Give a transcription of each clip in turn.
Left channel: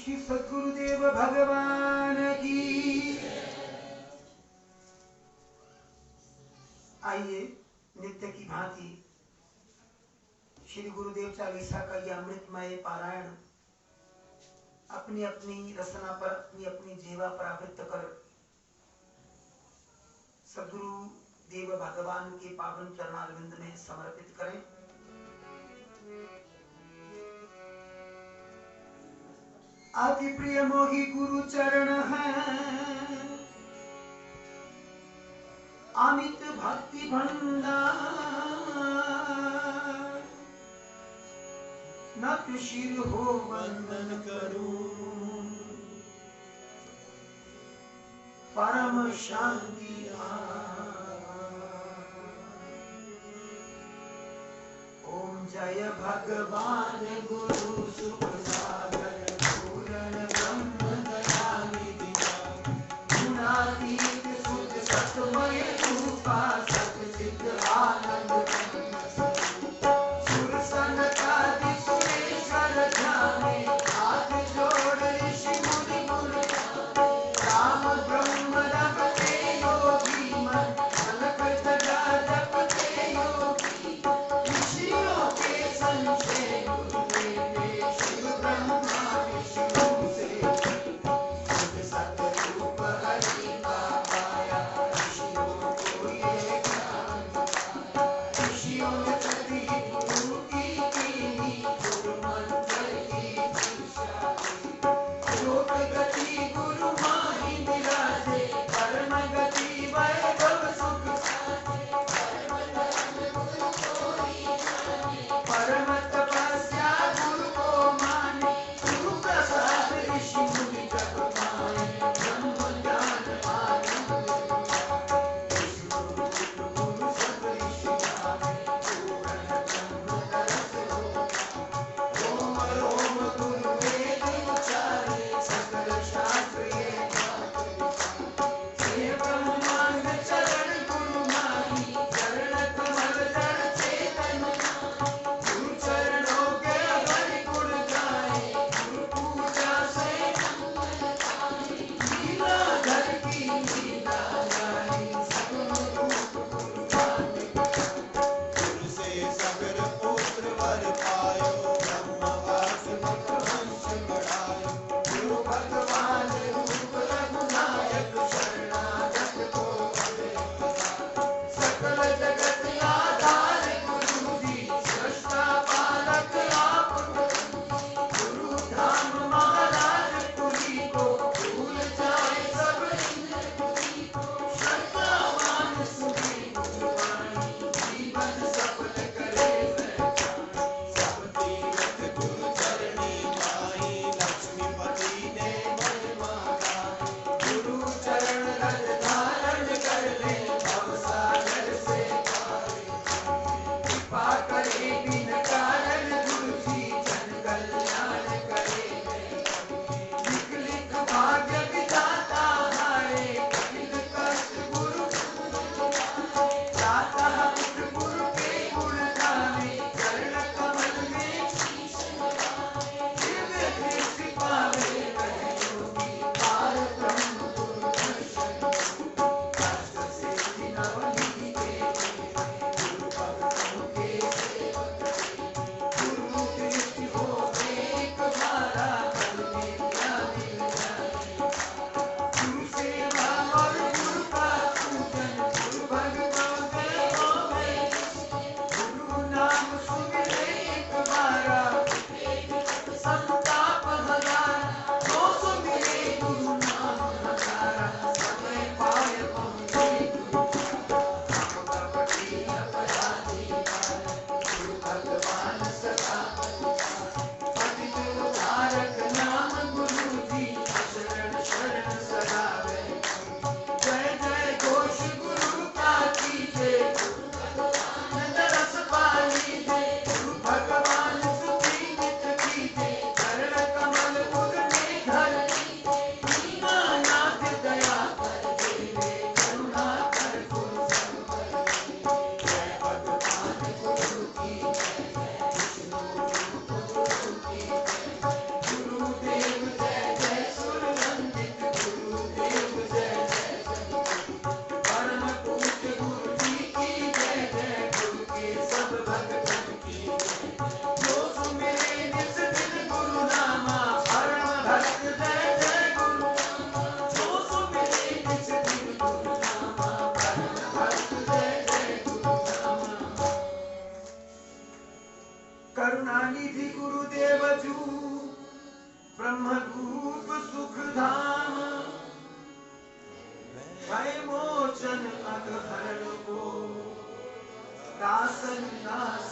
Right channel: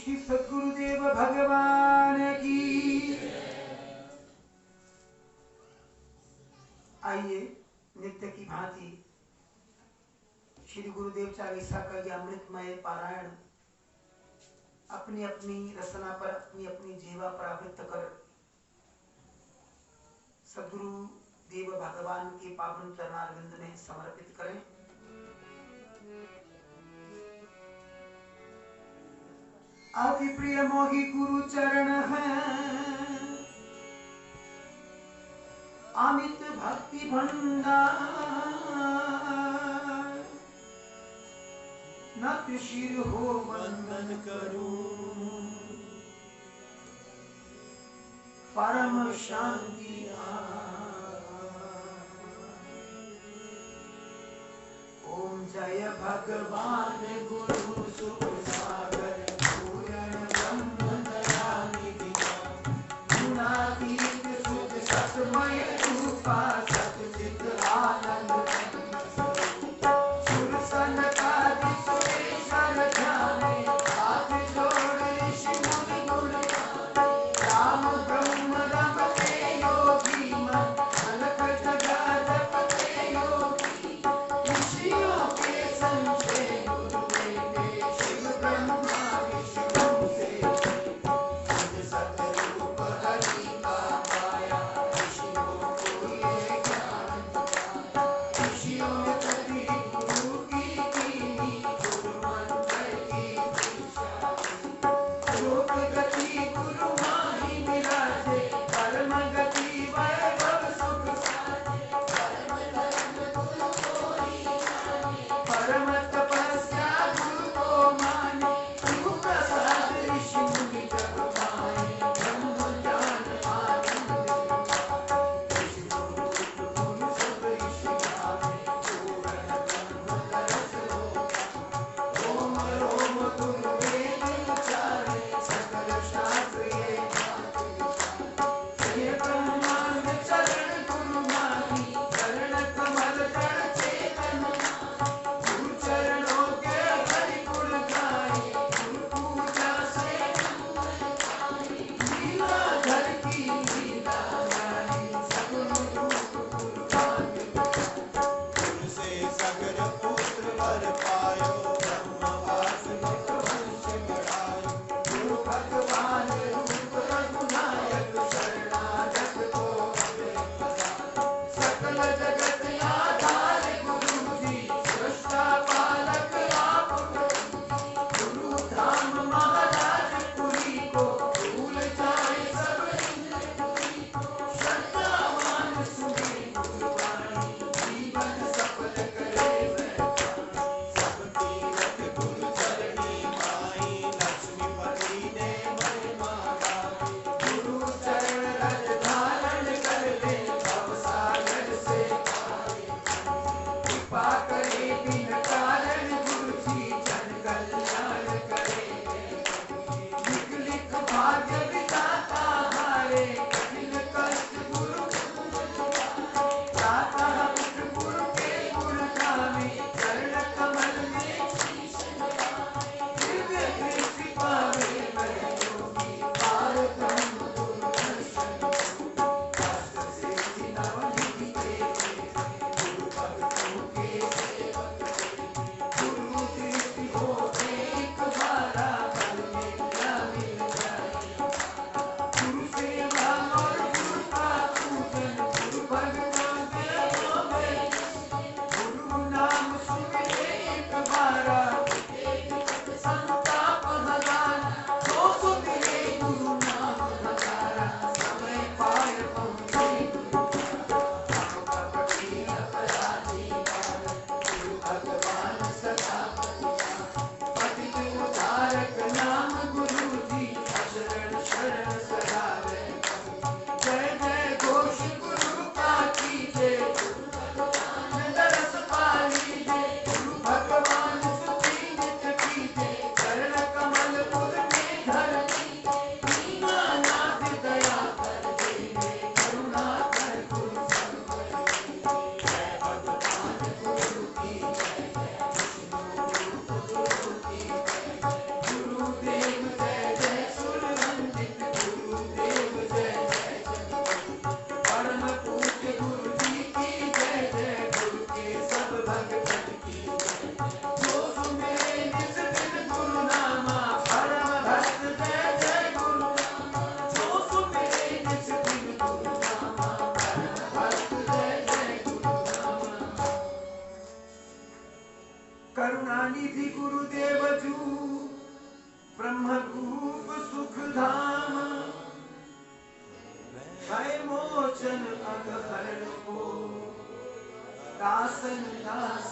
श्री सद्गुरुदेव भगवान की। आइए नित्य की भांति श्री गुरुदेव चालीसा का यह अमृतमय पारायण अपनी अपनी रसना पर, अपनी अपनी जीवा पर आवृत्त कर सद्गुरु देव भगवान के पावन चरणारविंद में समर्पित करें। अति प्रिय मोहि गुरु चरण है, अमित भक्ति भंडार, नत शिर हो वंदन करूं, परम शांति ओम जय भगवान गुरु सुख सागर पूर्ण ब्रह्म दयानिधि गुणातीत सुध सतमय रूपा सत सिद्ध आनंद सुर सनकादि सुरेश्वर ध्याने हाथ जोड़ ऋषि मुनि गुण राम ब्रह्म जपते योगी मन अलख जगा जपते योगी ऋषियों के संग से गुरुदेव विधि गुरुदेव जू ब्रह्मरूप सुख धाम भय मोचन अगहर को दासन दास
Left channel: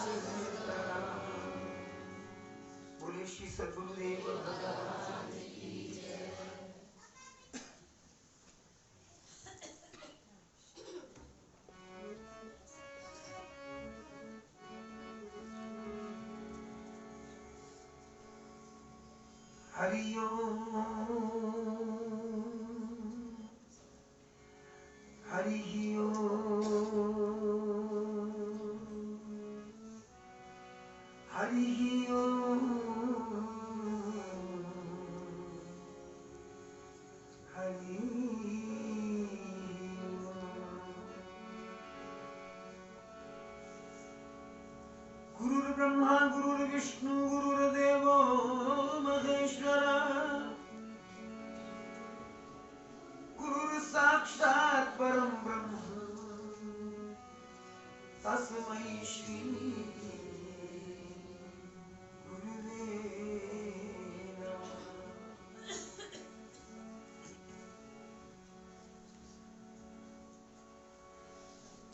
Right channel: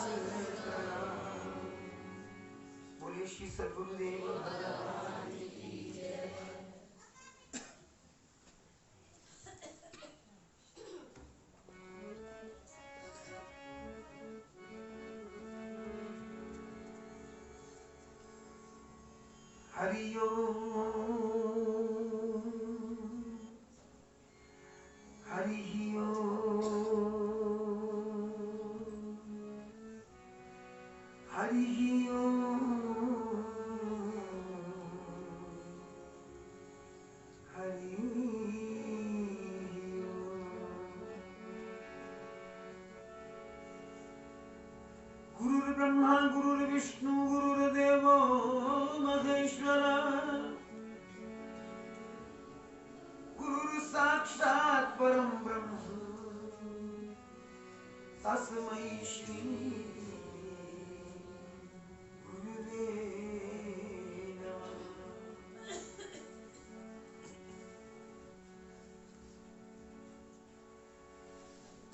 बोले श्री सद्गुरुदेव भगवान की जय। हरि ओम हरि ओम हरि ओम हरि गुरुर्ब्रह्मा गुरुर्विष्णु गुरुर्देवो महेश्वर गुरुर् साक्षात् परं ब्रह्म तस्मै श्री गुरुवे नमः।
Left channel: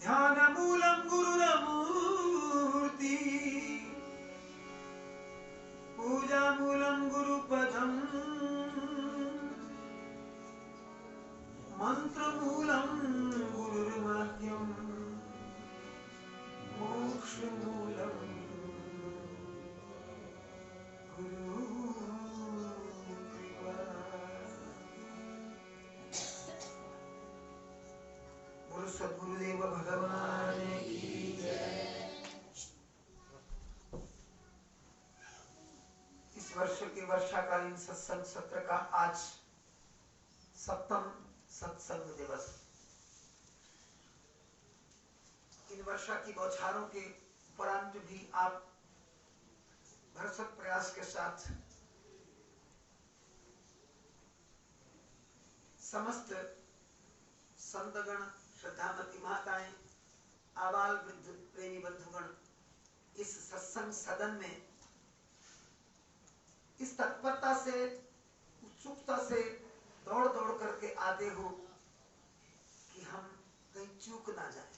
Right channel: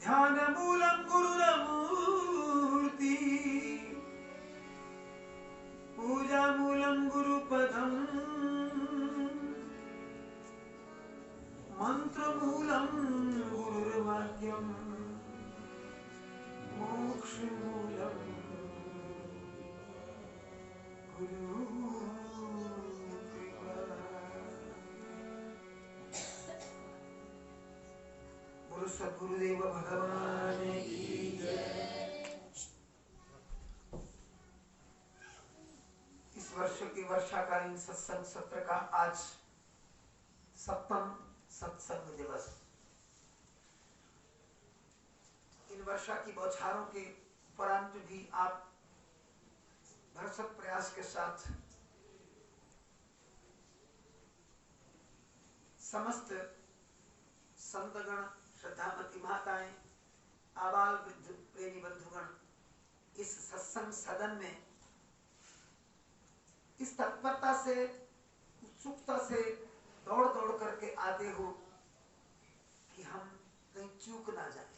ध्यानमूलं गुरुरमूर्ति पूजामूलं गुरुपदम् मंत्रमूलं गुरुर्वाक्यं मोक्षमूलं गुरुकृपा। बोलो सद्गुरुदेव भगवान की जय। इस वर्ष के वर्षाकालीन सत्संग सत्र का आज 7वां सत्संग दिवस। इन वर्षा की बौछारों के उपरांत भी आप भरसक प्रयास के साथ समस्त संतगण, श्रद्धामती माताएं, आबाल वृद्ध प्रेमी बंधुगण इस सत्संग सदन में इस तत्परता से, उत्सुकता से दौड़ दौड़ करके आते हो कि हम कहीं चूक ना जाए।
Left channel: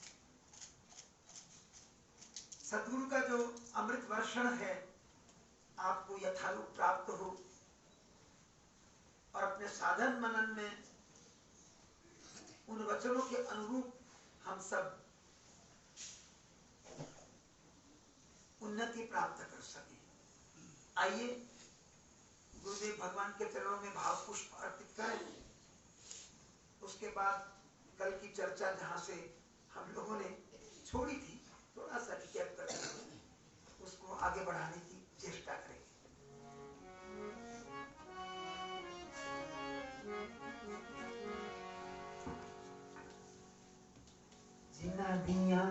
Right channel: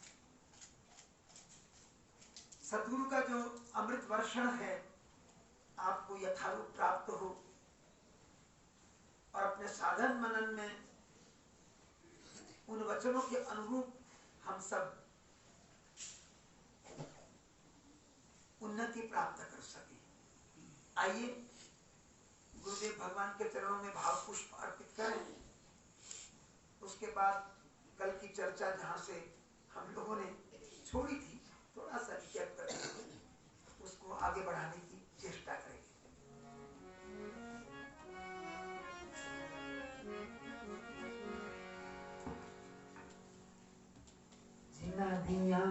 सद्गुरु का जो अमृत वर्षण है आपको यथारूप प्राप्त हो और अपने साधन मनन में उन वचनों के अनुरूप हम सब उन्नति प्राप्त कर सके। आइए गुरुदेव भगवान के चरणों में भाव पुष्प अर्पित करें। उसके बाद कल की चर्चा जहां से हम लोगों ने छोड़ी थी थोड़ा सा रिकैप करके उसको आगे बढ़ाने की चेष्टा करेंगे। जिना दिया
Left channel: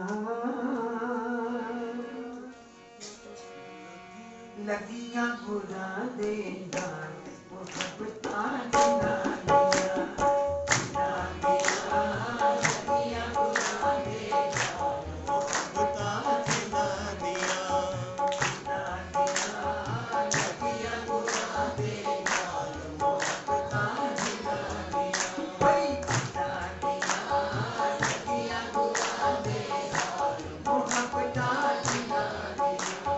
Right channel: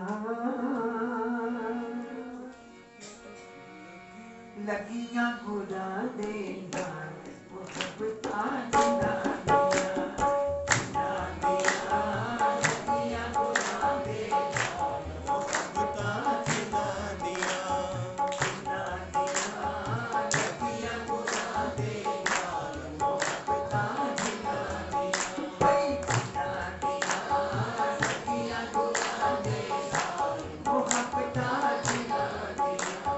लगियां बुरा देना वो सब ताजना दिया जिना दिया लगियां बुरा देना वो सब ताजना दिया जिना दिया लगियां बुरा देना वो सब ताजना दिया भाई जिना दिया लगियां बुरा देना वो सब ताजना दिया।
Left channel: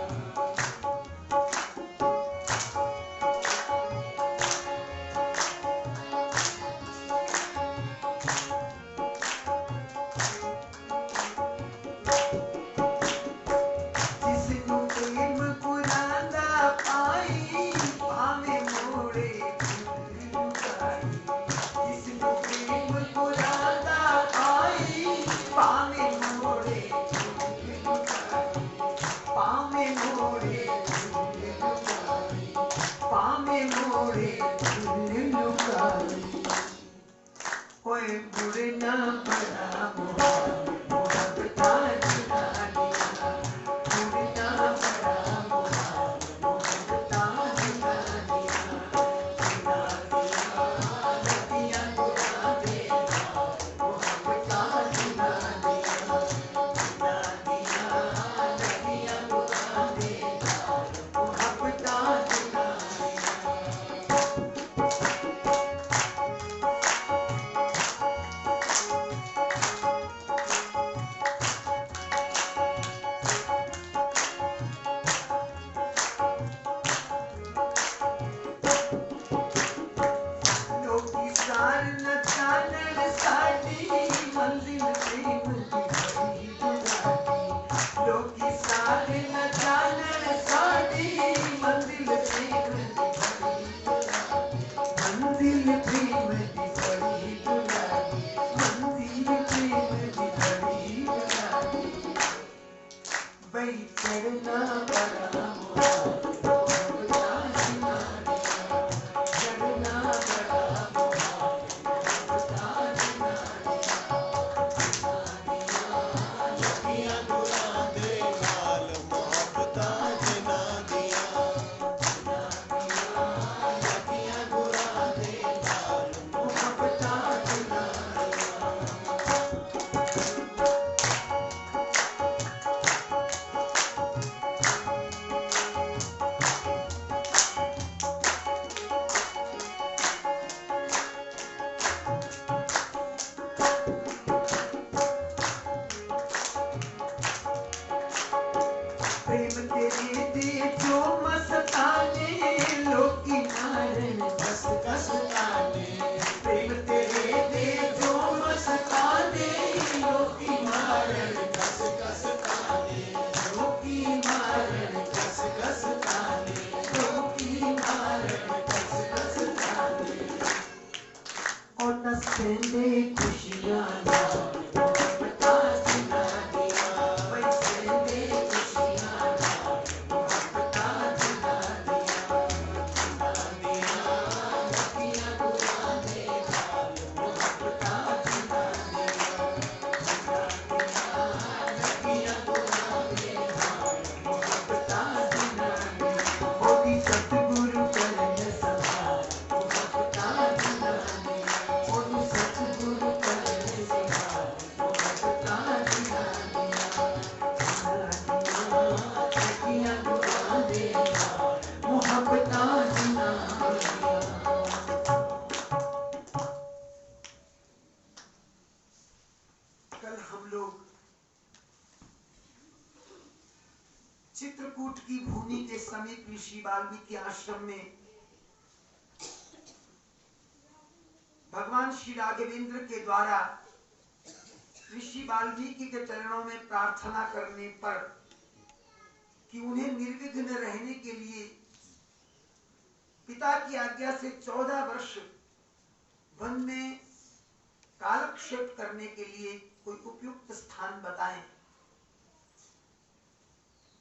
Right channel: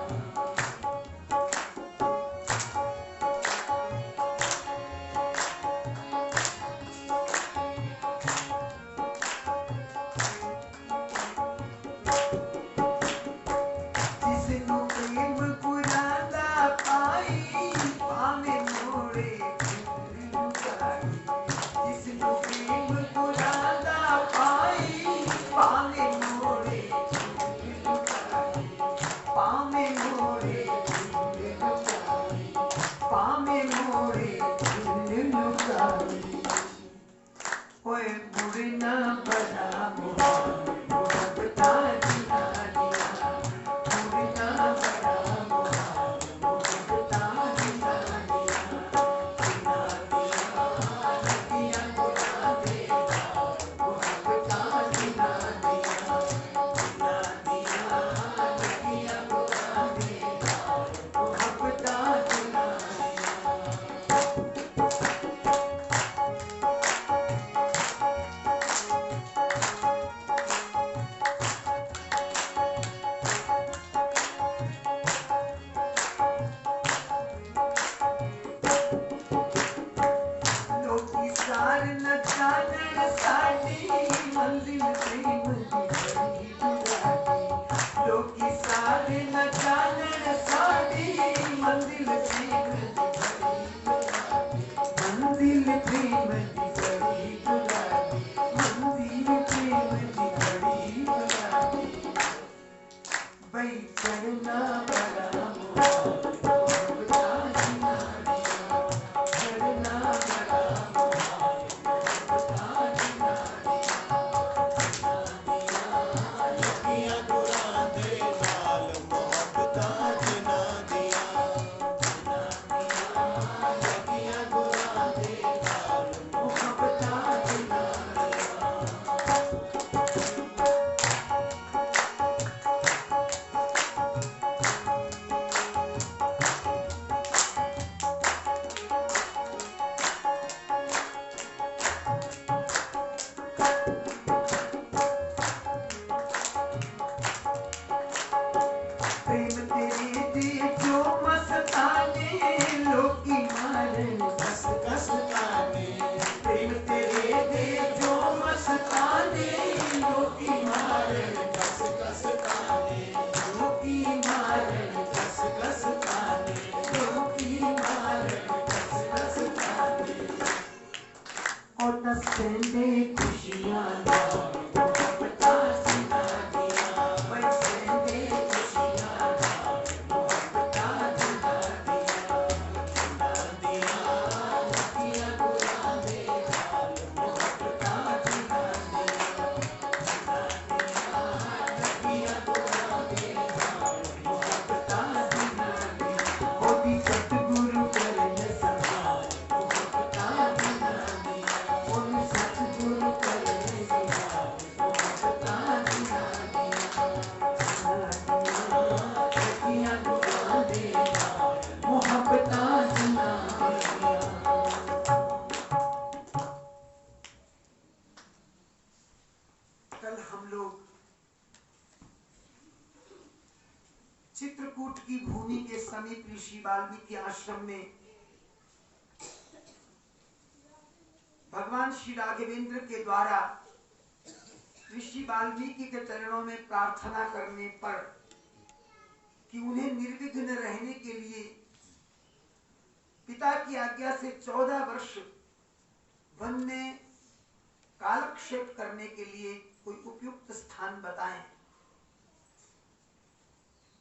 चित्रकूट की भूमि के समीप ऋषि वाल्मीकि आश्रम में भगवान श्री राघवेंद्र के द्वारा ऋषि वाल्मीकि के चरणों में प्रार्थना करने पर कि उन्हें निर्विघ्न रहने के लिए पिता की आज्ञा से 14 वर्ष वन में कालक्षेप करने के लिए कोई उपयुक्त स्थान बताएं।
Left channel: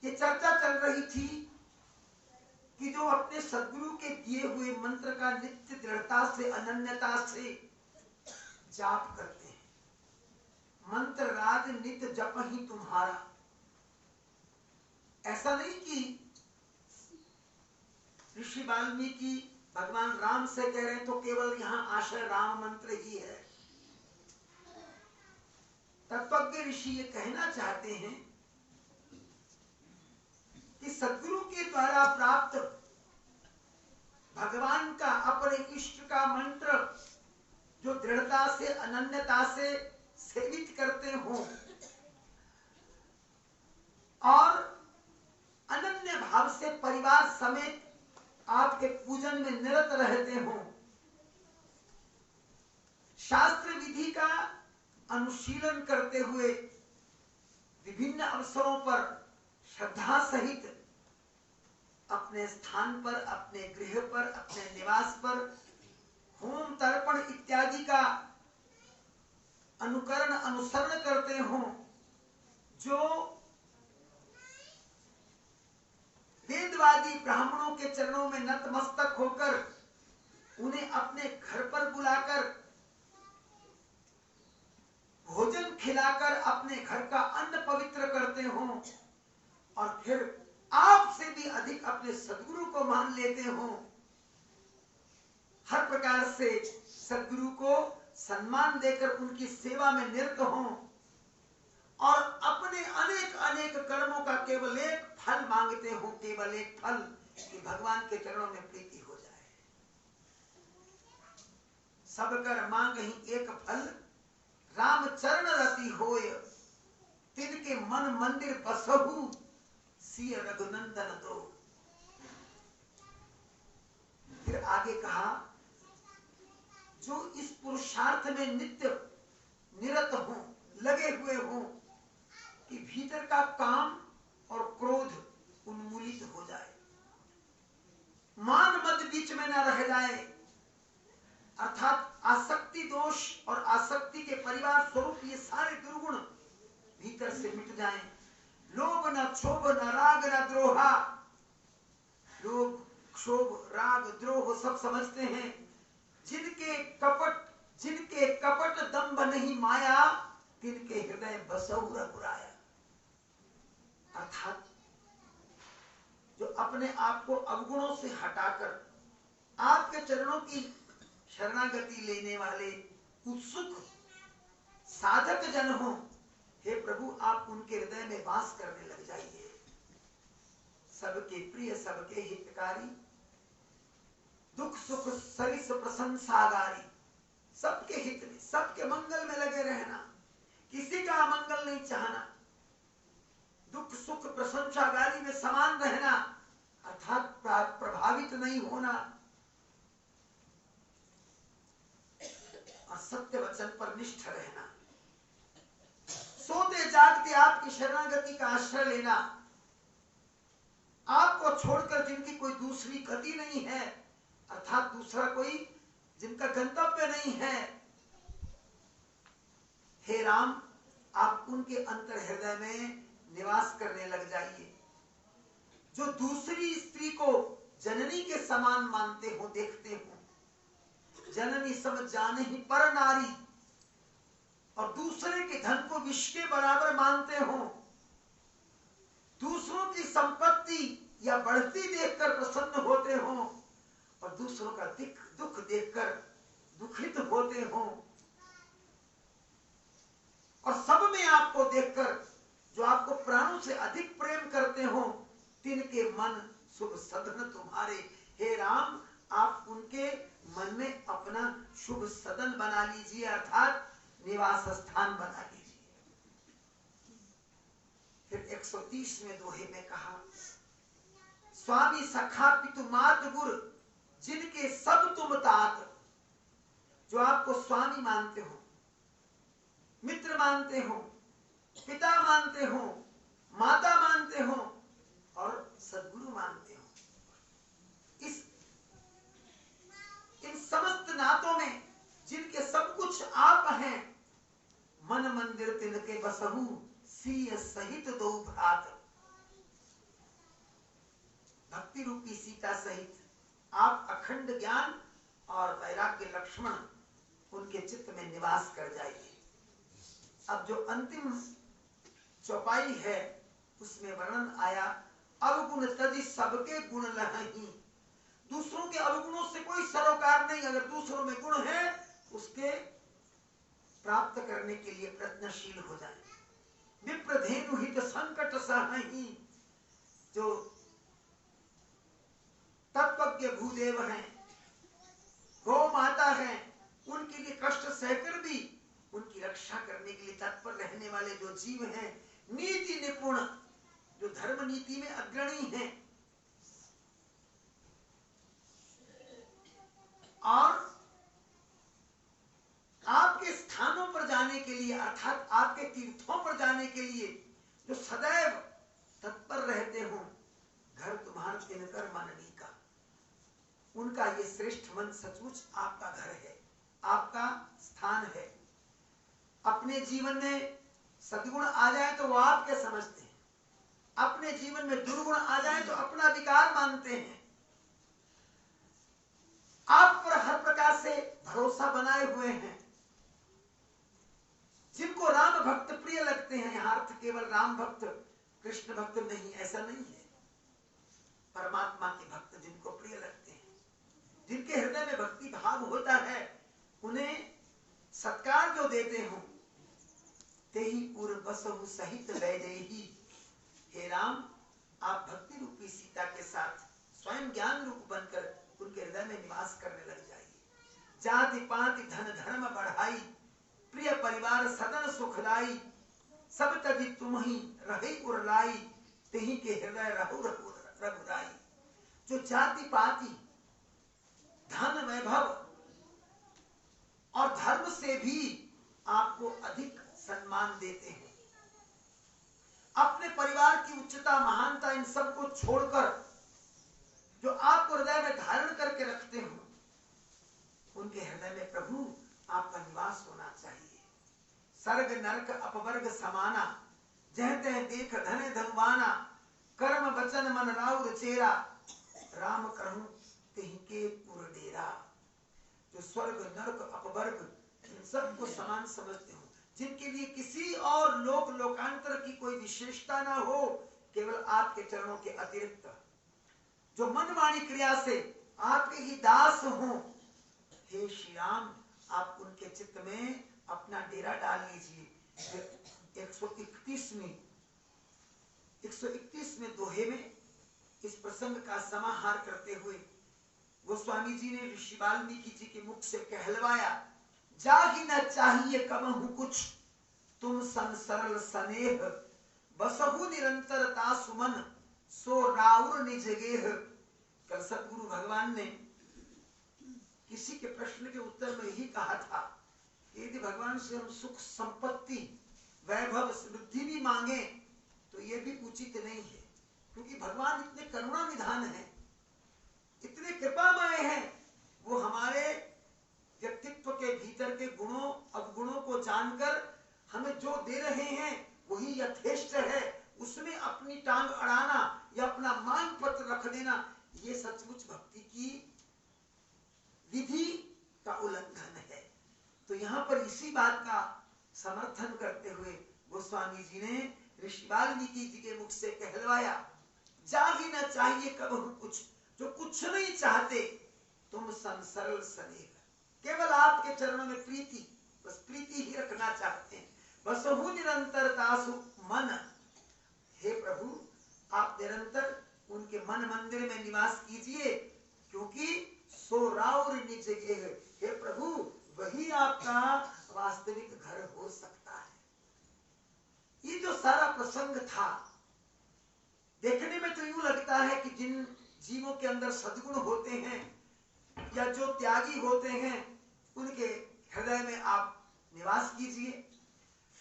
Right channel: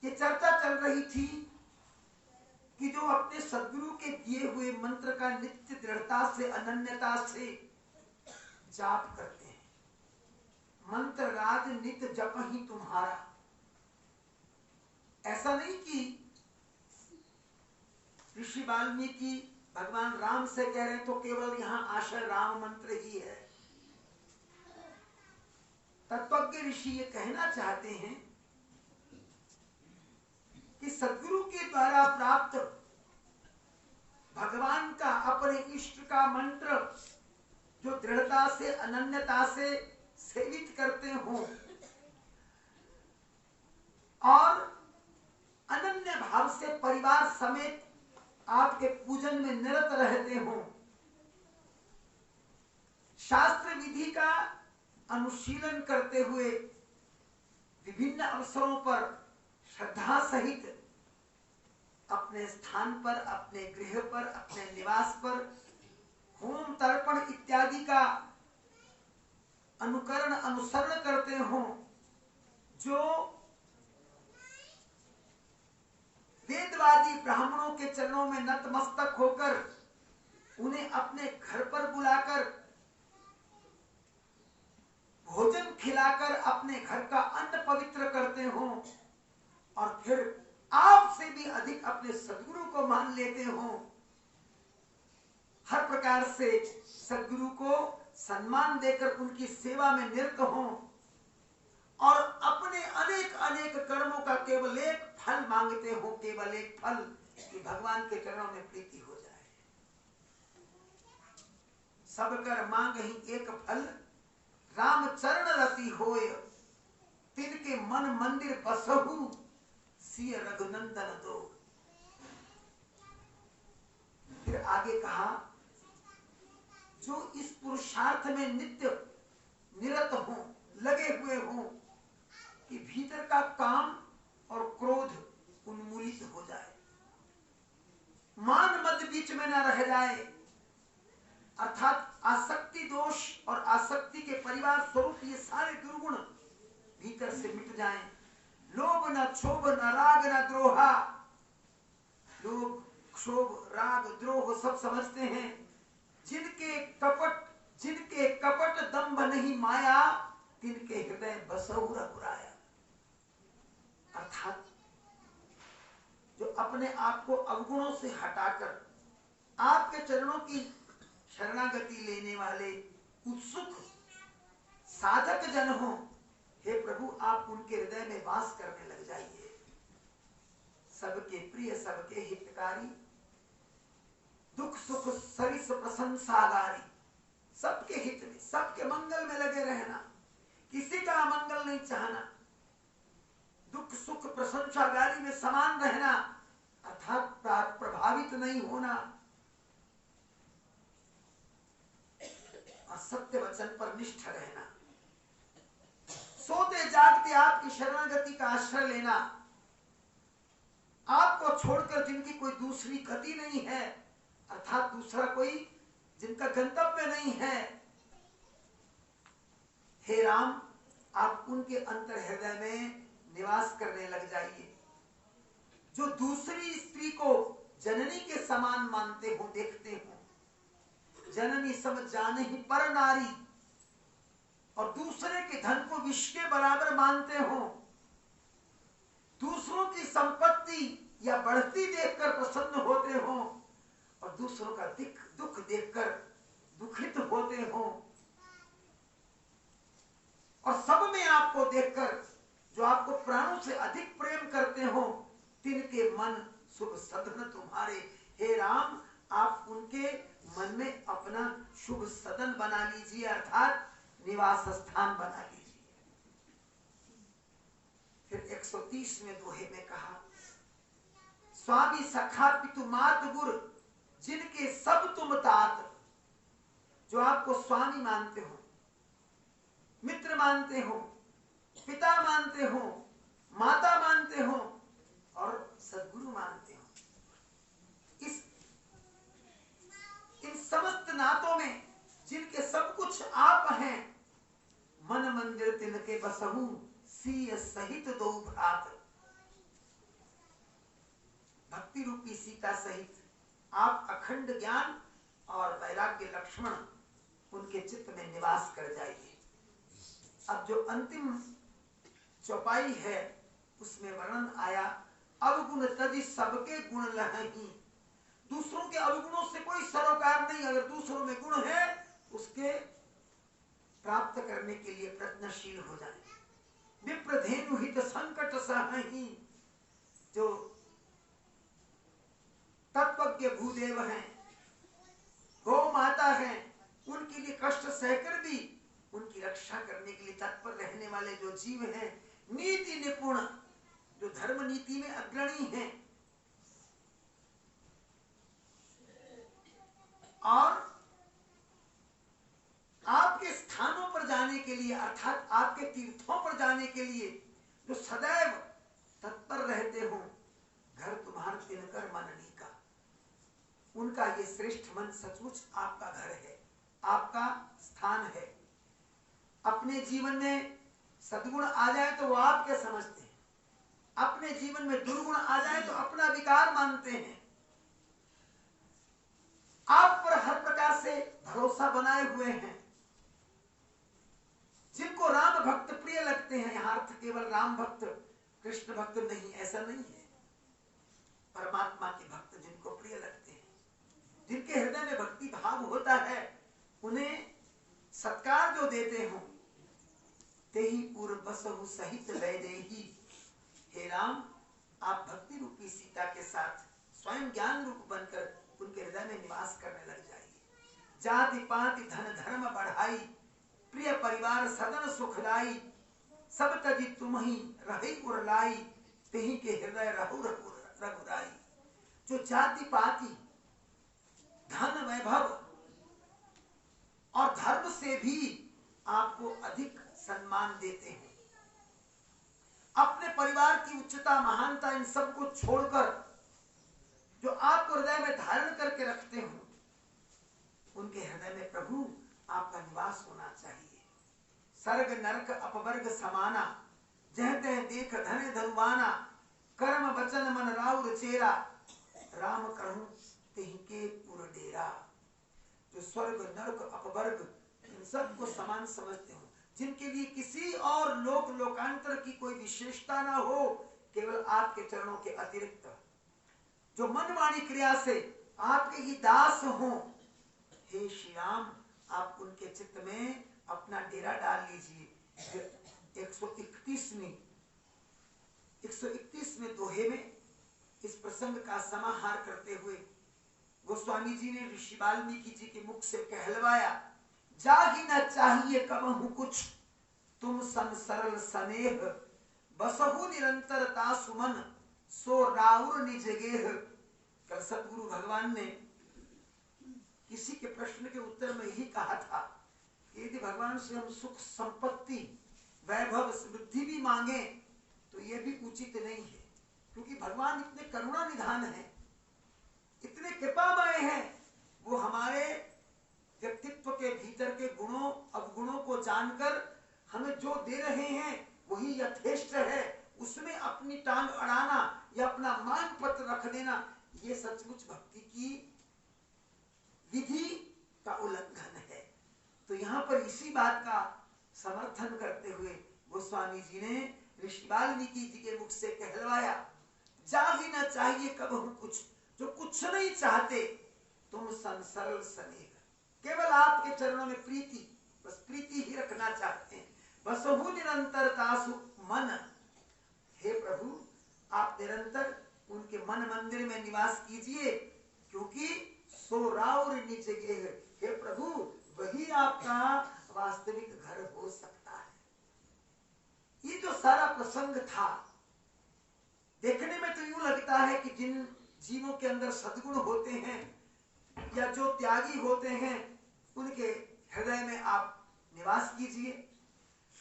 ये चर्चा चल रही थी कि जो अपने सद्गुरु के दिए हुए मंत्र का नित्य दृढ़ता से अनन्यता से जाप करते हैं, मंत्र राज नित्य जप ही तुम्हारा। ऐसा नहीं कि ऋषि वाल्मीकि भगवान राम से कह रहे हैं तो केवल यहाँ आशय राम मंत्र ही है। तत्वज्ञ ऋषि ये कहना चाहते हैं कि सद्गुरु के द्वारा प्राप्त भगवान का अपने इष्ट का मंत्र जो दृढ़ता से अनन्यता से सेवित करते हो और अनन्य भाव से परिवार समेत आपके पूजन में निरत रहते हो, शास्त्र विधि का अनुशीलन करते हुए विभिन्न अवसरों पर श्रद्धा सहित अपने स्थान पर, अपने गृह पर, अपने निवास पर होम तर्पण इत्यादि का अनुकरण अनुसरण करते हो, जो वेदवादी ब्राह्मणों के चरणों में नतमस्तक होकर उन्हें अपने घर पर बुलाकर भोजन खिलाकर अपने घर का अन्न पवित्र करते हो और फिर आपसे भी अधिक अपने सद्गुरु को मान लेते हो। हर प्रकार से सद्गुरु को सम्मान देकर उनकी सेवा में निरत हो और अपने अनेक अनेक कर्मों का केवल एक फल मांगते हो, केवल एक फल कि भगवान के चरणों में प्रीति हो जाए। सब कर मांग ही एक फल, राम चरण रति होय, तिनके मन मंदिर बसहु, सिय रघुनंदन दो। फिर आगे कहा, जो इस पुरुषार्थ में नित्य निरत हो, लगे हुए हो कि भीतर का काम और क्रोध उन्मूलित हो जाए, बीच में न रह जाए, अर्थात आसक्ति दोष और आसक्ति के परिवार स्वरूप ये सारे दुर्गुण भीतर से मिट जाएं। लोभ न क्षोभ न राग न द्रोहा, लोभ क्षोभ राग द्रोह सब समझते हैं। जिनके कपट दंभ नहीं माया, तिनके हृदय बसहु रघुराया। अर्थात जो अपने आप को अवगुणों से हटाकर आपके चरणों की शरणागति लेने वाले उत्सुक साधक जन हो, हे प्रभु आप उनके हृदय में वास करने लग जाइए। सबके प्रिय सबके हितकारी, दुख सुख सरिस प्रशंसागारी, सबके हित में सबके मंगल में लगे रहना, किसी का अमंगल नहीं चाहना, दुख सुख प्रशंसागारी में समान रहना, अर्थात प्रभावित नहीं होना और सत्य वचन पर निष्ठ रहना, सोते जागते आपकी शरणागति का आश्रय लेना, आपको छोड़कर जिनकी कोई दूसरी गति नहीं है, अर्थात दूसरा कोई जिनका गंतव्य नहीं है, हे राम आप उनके अंतर हृदय में निवास करने लग जाइए। जो दूसरी स्त्री को जननी के समान मानते हो, देखते हो, जननी समझ जाने ही पर नारी, और दूसरे के धन को विष के बराबर मानते हो, दूसरों की संपत्ति या बढ़ती देखकर प्रसन्न होते हो और दूसरों का दुख देखकर दुखित होते हो, और सब में आपको देखकर जो आपको प्राणों से अधिक प्रेम करते हो, तिनके मन शुभ सदन तुम्हारे। हे राम आप उनके मन में अपना शुभ सदन बना लीजिए, अर्थात निवास स्थान बना लीजिए। फिर 130वें दोहे में कहा, स्वामी सखा पितु मात गुर, जिनके सब तुम तात। जो आपको स्वामी मानते हो, मित्र मानते हो, पिता मानते हो, माता मानते हो और सद्गुरु मानते हो, इन समस्त नातों में जिनके सब कुछ आप हैं, मन मंदिर तिनके बसहु, सीय सहित दो भ्रात। भक्ति रूपी सीता सहित आप अखंड ज्ञान और वैराग्य लक्ष्मण उनके चित्त में निवास कर जाइए। अब जो अंतिम चौपाई है उसमें वर्णन आया, अवगुण तजी सबके गुण लहही। दूसरों के अवगुणों से कोई सरोकार नहीं, अगर दूसरों में गुण है उसके प्राप्त करने के लिए प्रयत्नशील हो जाए। विप्रधेनु हित संकट सहही, जो तत्वज्ञ भूदेव हैं, गौ माता हैं, उनके लिए कष्ट सहकर भी उनकी रक्षा करने के लिए तत्पर रहने वाले जो जीव हैं, नीति निपुण, जो धर्म नीति में अग्रणी हैं, और आपके स्थानों पर जाने के लिए अर्थात आपके तीर्थों पर जाने के लिए जो सदैव तत्पर रहते हो, घर तुम्हारा तिनकर मननी का, उनका ये श्रेष्ठ मन सचमुच आपका घर है, आपका स्थान है। अपने जीवन में सद्गुण आ जाए तो वो आपके समझते हैं, अपने जीवन में दुर्गुण आ जाए तो अपना विकार मानते हैं, आप पर हर प्रकार से भरोसा बनाए हुए हैं। जिनको राम भक्त प्रिय लगते हैं, यहाँ अर्थ केवल राम भक्त कृष्ण भक्त नहीं, ऐसा नहीं है, परमात्मा के भक्त जिनको प्रिय लगते हैं, जिनके हृदय में भक्ति भाव होता है, उन्हें सत्कार जो देते हो, तेहि पूर्व बसहु सहित लय देहि। हे राम आप भक्ति रूपी सीता के साथ स्वयं ज्ञान रूप बनकर उनके हृदय में निवास करने लग जाइए। जाति पाति धन धर्म बढ़ाई, प्रिय परिवार सदन सुखदाई, सब तजी तुम ही रही उरलाई, तेहि के हृदय रहु रघुराई। जो जाति पाति धन वैभव और धर्म से भी आपको अधिक सम्मान देते हैं, अपने परिवार की उच्चता महानता इन सब को छोड़कर जो जो आपको हृदय में धारण करके रखते हो, उनके हृदय में प्रभु आपका निवास होना चाहिए। सर्ग नरक अपवर्ग समाना, जह तह देख धन धनवाना, कर्म वचन मन राउर चेरा, राम कहूं तिनके पुर डेरा। जो स्वर्ग नरक अपवर्ग इन सबको समान समझते हो, जिनके लिए किसी और लोक लोकांतर की कोई विशेषता ना हो, केवल आपके चरणों के अतिरिक्त, जो मन वाणी क्रिया से आपके ही दास हो, हे श्री राम आप उनके चित्त में अपना डेरा डाल लीजिए। 131वें दोहे में इस प्रसंग का समाहार करते हुए गोस्वामी जी ने ऋषि वाल्मीकि जी के मुख से कहलवाया, जागी न चाहिए कबहु कुछ, तुम सन सरल स्नेह, बसहु निरंतरता सुमन, सो राउर निज गेह। कल सतगुरु भगवान ने किसी के प्रश्न के उत्तर में यही कहा था कि यदि भगवान से हम सुख संपत्ति वैभव समृद्धि भी मांगे तो ये भी उचित नहीं है, क्योंकि भगवान इतने करुणा निधान है, इतने कृपामय हैं, वो हमारे व्यक्तित्व के भीतर के गुणों अवगुणों को जानकर हमें जो दे रहे हैं वही यथेष्ट है, उसमें अपनी टांग अड़ाना या अपना मान पत्र रख देना, ये सचमुच भक्ति की विधि का उल्लंघन है। तो यहाँ पर इसी बात का समर्थन करते हुए गोस्वामी जी ने ऋषि वाल्मीकि जी के मुख से कहलवाया, जागी न चाहिए कबहु कुछ, जो कुछ नहीं चाहते, तुम सन सरल स्नेह, केवल आपके चरणों में प्रीति, बस प्रीति ही रखना चाहते हैं। बसहु निरंतरता मन, हे प्रभु आप निरंतर उनके मन मंदिर में निवास कीजिए, क्योंकि सो राउर निज गेह, हे प्रभु वही आपका वास्तविक घर हो सकता है। ये जो सारा प्रसंग था, देखने में तो यूं लगता है कि जिन जीवों के अंदर सद्गुण होते हैं या जो त्यागी होते हैं, उनके हृदय में आप निवास कीजिए,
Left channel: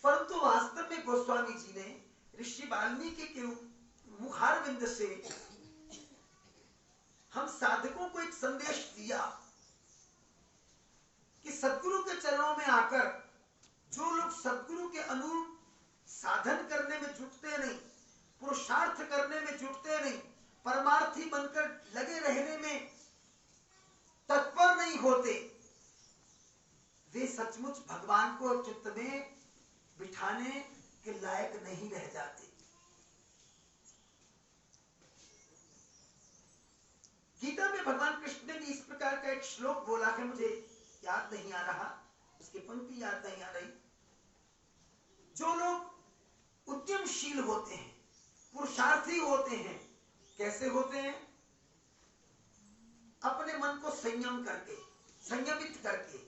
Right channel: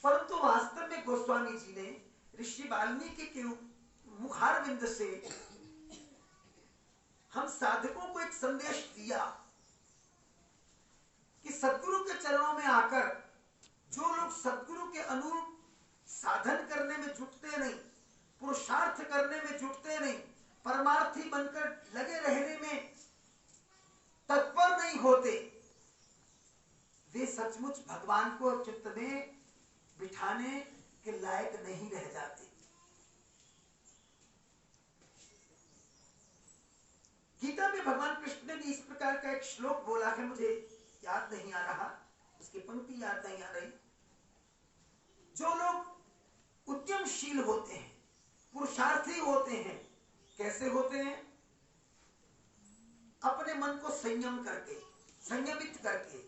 परंतु वास्तव में गोस्वामी जी ने ऋषि वाल्मीकि के मुखारविंद से हम साधकों को एक संदेश दिया कि सद्गुरु के चरणों में आकर जो लोग सद्गुरु के अनुरूप साधन करने में जुटते नहीं, पुरुषार्थ करने में जुटते नहीं, परमार्थी बनकर लगे रहने में तत्पर नहीं होते, वे सचमुच भगवान को चित्त में बिठाने के लायक नहीं रह जाते। गीता में भगवान कृष्ण ने भी इस प्रकार का एक श्लोक बोला है, मुझे याद नहीं आ रहा, उसकी पंक्ति याद नहीं आ रही। जो लोग उद्यमशील होते हैं, पुरुषार्थी होते हैं, कैसे होते हैं? अपने मन को संयम करके, संयमित करके,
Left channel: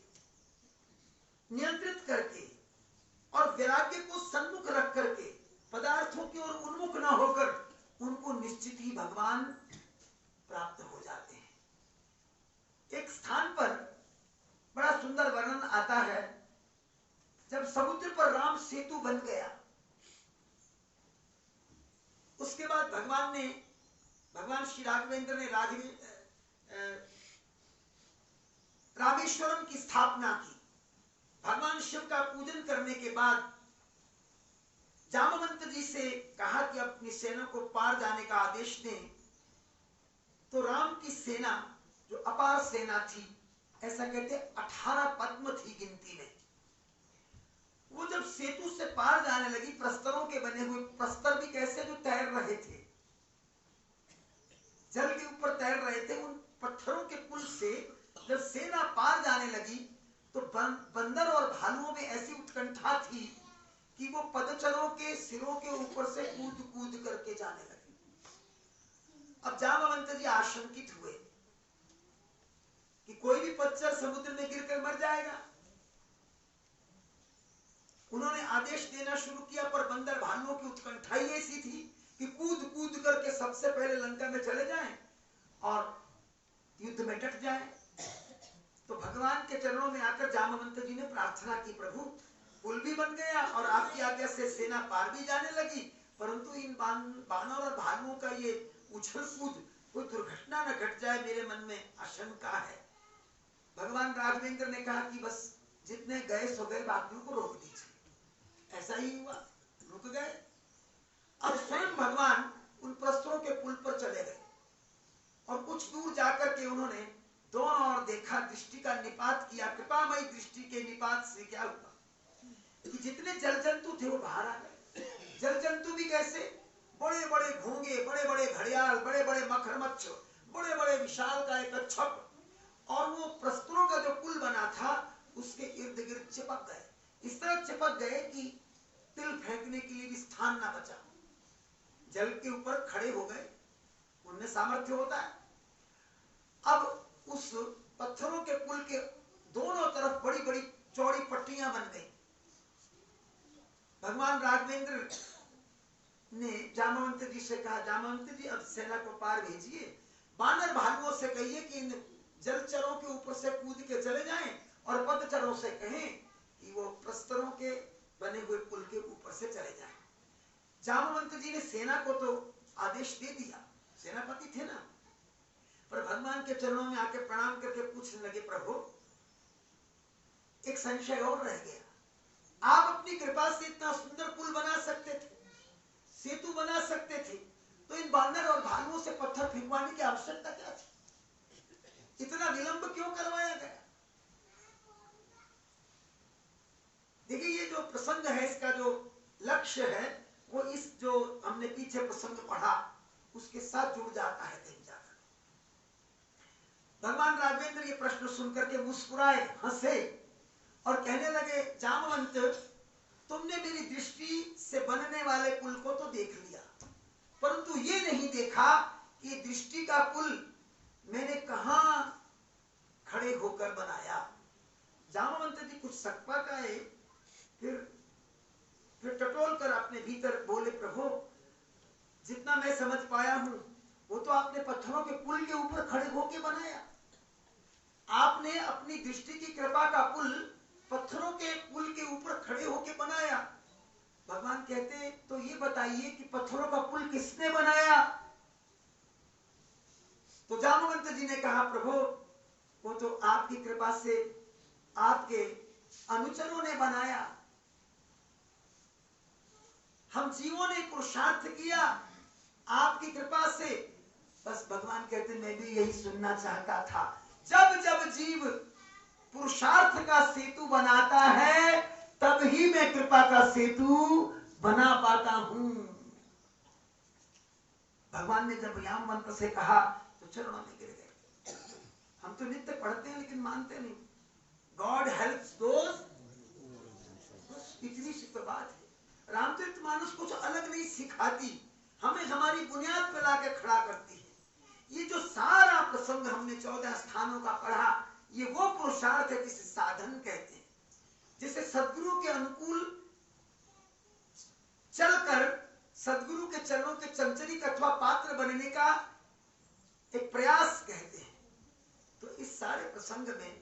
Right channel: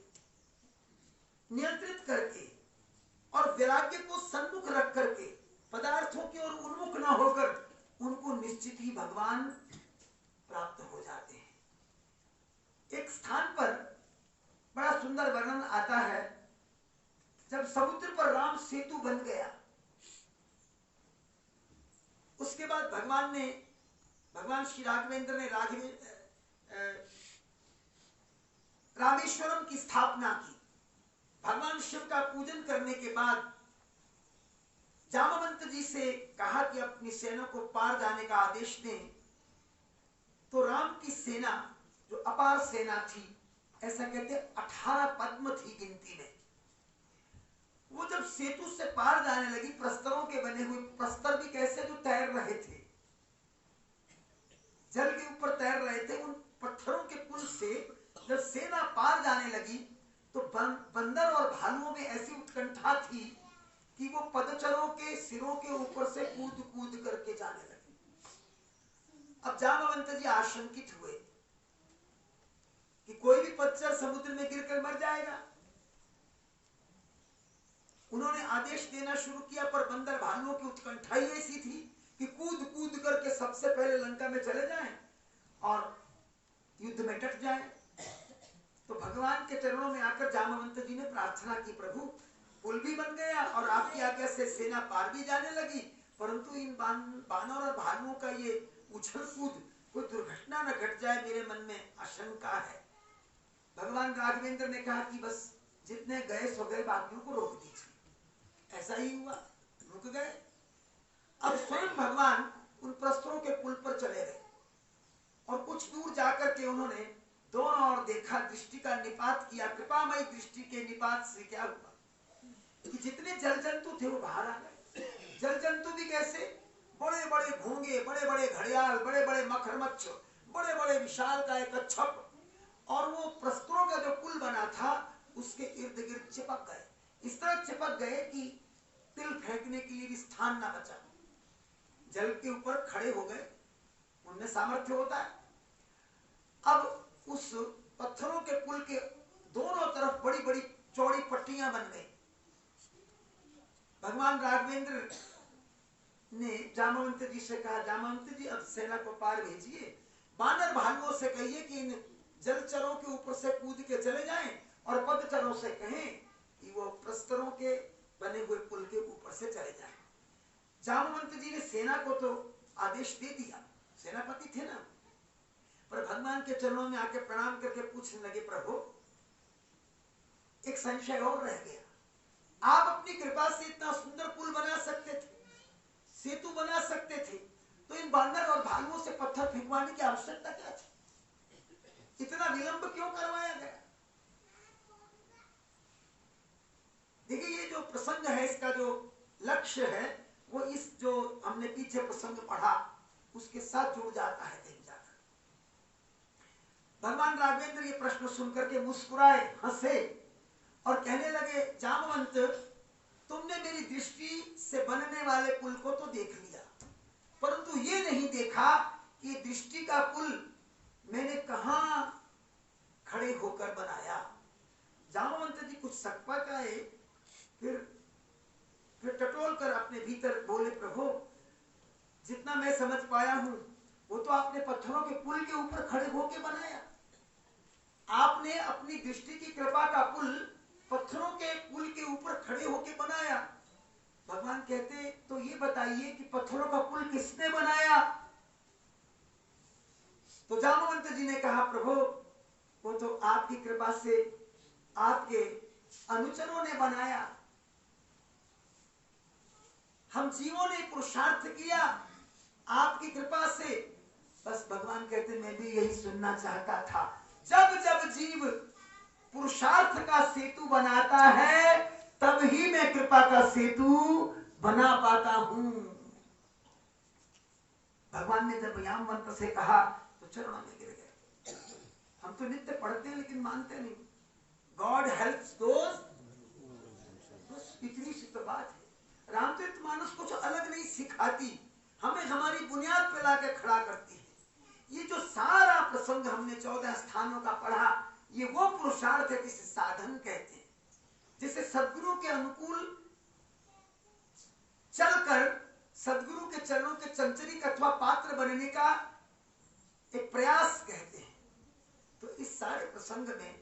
नियंत्रित करके और वैराग्य को सन्मुख रख करके, पदार्थों की ओर उन्मुख न होकर, उनको निश्चित ही भगवान प्राप्त हो जाते हैं। एक स्थान पर बड़ा सुंदर वर्णन आता है, जब समुद्र पर राम सेतु बन गया, उसके बाद भगवान श्री राघवेंद्र ने रामेश्वरम की स्थापना की। भगवान शिव का पूजन करने के बाद जामवंत जी से कहा कि अपनी सेना को पार जाने का आदेश दें, तो राम की सेना जो अपार सेना थी, ऐसा कहते 18 पद्म थी गिनती में, वो जब सेतु से पार जाने लगी, प्रस्तरों के बने हुए प्रस्तर भी कैसे जो तैर रहे थे, जल के ऊपर तैर रहे थे, उन पत्थरों के पुल से जब सेना पार जाने लगी तो बंदर और भालुओं में ऐसी उत्कंठा थी कि वो पदचरों के सिरों के ऊपर से कूद कूद करके जाने लगे। अब जामवंत जी आशंकित हुए कि कोई भी पदचर समुद्र में गिरकर मर जाएगा। उन्होंने आदेश देना शुरू किया, पर बंदर भालुओं की उत्कंठा ही ऐसी थी कि कूद कूद करके सबसे पहले लंका में चले जाएं और युद्ध में डट जाएं। तो भगवान के चरणों में आकर जामवंत जी ने प्रार्थना की, प्रभु पुल भी बन गया और आपकी आज्ञा से सेना पार भी जाने लगी, परंतु इन बानर और भालुओं का ये उछल कूद कोई दुर्घटना न घट जाए, मेरे मन में आशंका है। भगवान राघवेंद्र ने कहा कि बस जितने गए सो गए, बाकियों को रोक दीजिए। ऐसा ही हुआ, रुक गए। अब स्वयं भगवान उन प्रस्तरों के पुल पर चले गए और कुछ दूर जाकर के उन्होंने दोनों ओर देखा, दृष्टि का निपात किया। कृपामयी दृष्टि के निपात से क्या हुआ कि जितने जल जंतु थे वो बाहर आ गए। जल जंतु भी कैसे? बड़े बड़े घोंगे, बड़े बड़े घड़ियाल, बड़े बड़े मगरमच्छ, बड़े बड़े विशालकाय कच्छप, और वो प्रस्तरों का जो पुल बना था उसके इर्द गिर्द चिपक गए। इस तरह चिपक गए कि तिल फेंकने के लिए भी स्थान ना बचा। जल के ऊपर खड़े हो गए, उनमें सामर्थ्य होता है। अब उस पत्थरों के पुल के दोनों तरफ बड़ी बड़ी चौड़ी पट्टियां बन गई। भगवान राघवेंद्र ने जामवंत जी से कहा, जामवंत जी अब सेना को पार भेजिए, बानर भालुओं से कहिए कि इन जलचरों के ऊपर से कूद के चले जाएं और पदचरों से कहें कि वो प्रस्तरों के बने हुए पुल के ऊपर से चले जाएं। जामवंत जी ने सेना को तो आदेश दे दिया, सेनापति थे ना, पर भगवान के चरणों में आके प्रणाम करके पूछने लगे, प्रभु एक संशय और रह गया, आप अपनी कृपा से इतना सुंदर पुल बना सकते थे, सेतु बना सकते थे, तो इन बानर और भालुओं से पत्थर फेंकवाने की आवश्यकता क्या थी? इतना विलंब क्यों करवाया गया? देखिए ये जो प्रसंग है, इसका जो लक्ष्य है वो इस जो हमने पीछे प्रसंग पढ़ा उसके साथ जुड़ जाता है कहीं जाकर। भगवान राघवेंद्र ये प्रश्न सुनकर के मुस्कुराए, हंसे और कहने लगे, जामवंत तुमने मेरी दृष्टि से बनने वाले पुल को तो देख लिया, परंतु ये नहीं देखा कि दृष्टि का पुल मैंने कहां खड़े होकर बनाया। जामवंत जी कुछ सकपा का है, फिर टटोल कर अपने भीतर बोले, प्रभु जितना मैं समझ पाया हूं वो तो आपने पत्थरों के पुल के ऊपर खड़े होकर बनाया। आपने अपनी दृष्टि की कृपा का पुल पत्थरों के पुल के ऊपर खड़े होकर बनाया। भगवान कहते, तो ये बताइए कि पत्थरों का पुल किसने बनाया? तो जामवंत जी ने कहा, प्रभु वो तो आपकी कृपा से आपके अनुचरों ने बनाया, हम जीवों ने पुरुषार्थ किया आपकी कृपा से। बस भगवान कहते, मैं भी यही सुनना चाहता था, जब जब जीव पुरुषार्थ का सेतु बनाता है तब ही मैं कृपा का सेतु बना पाता हूं। भगवान ने जब यामवंत से कहा तो चरणों में गिर गए। हम तो नित्य पढ़ते हैं लेकिन मानते नहीं। गॉड हेल्प्स दोज, इतनी सी तो बात है। रामचरित मानस कुछ अलग नहीं सिखाती, हमें हमारी बुनियाद पर लाकर खड़ा करती है। ये जो सारा प्रसंग हमने 14 स्थानों का पढ़ा, ये वो पुरुषार्थ है जिसे साधन कहते हैं, जिसे सद्गुरु के अनुकूल चलकर सद्गुरु के चरणों के चंचलिक अथवा पात्र बनने का एक प्रयास कहते हैं। तो इस सारे प्रसंग में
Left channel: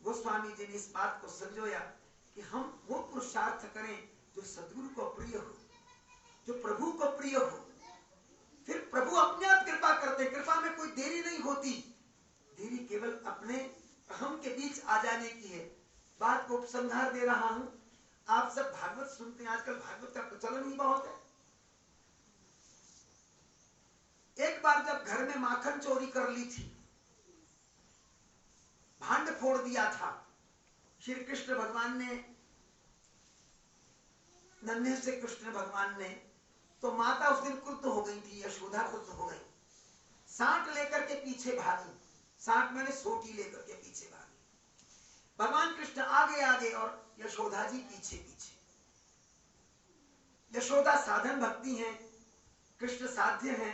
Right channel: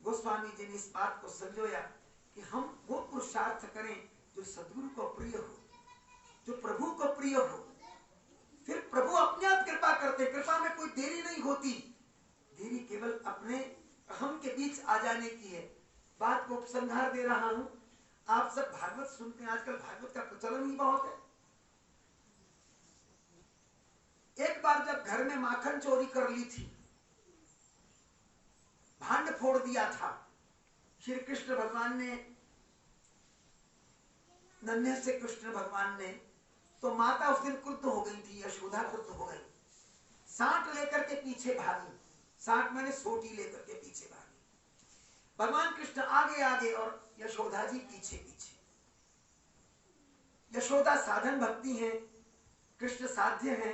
गोस्वामी जी ने इस बात को संजोया कि हम वो पुरुषार्थ करें जो सद्गुरु को प्रिय हो, जो प्रभु को प्रिय हो। फिर प्रभु अपने आप कृपा करते, कृपा में कोई देरी नहीं होती, देरी केवल अपने अहम के बीच आ जाने की है। बात को उपसंहार दे रहा हूं। आप सब भागवत सुनते हैं, आजकल भागवत का प्रचलन ही बहुत है। एक बार जब घर में माखन चोरी कर ली थी, भांड फोड़ दिया था, श्री कृष्ण भगवान ने, नन्हे से कृष्ण भगवान ने, तो माता उस दिन क्रुद्ध हो गई थी, यशोदा क्रुद्ध हो गई, सांट लेकर के पीछे भागी। सांट मैंने सोटी लेकर के पीछे भागी। भगवान कृष्ण आगे आगे और यशोदा जी पीछे पीछे। यशोदा साधन भक्ति है, कृष्ण साध्य है,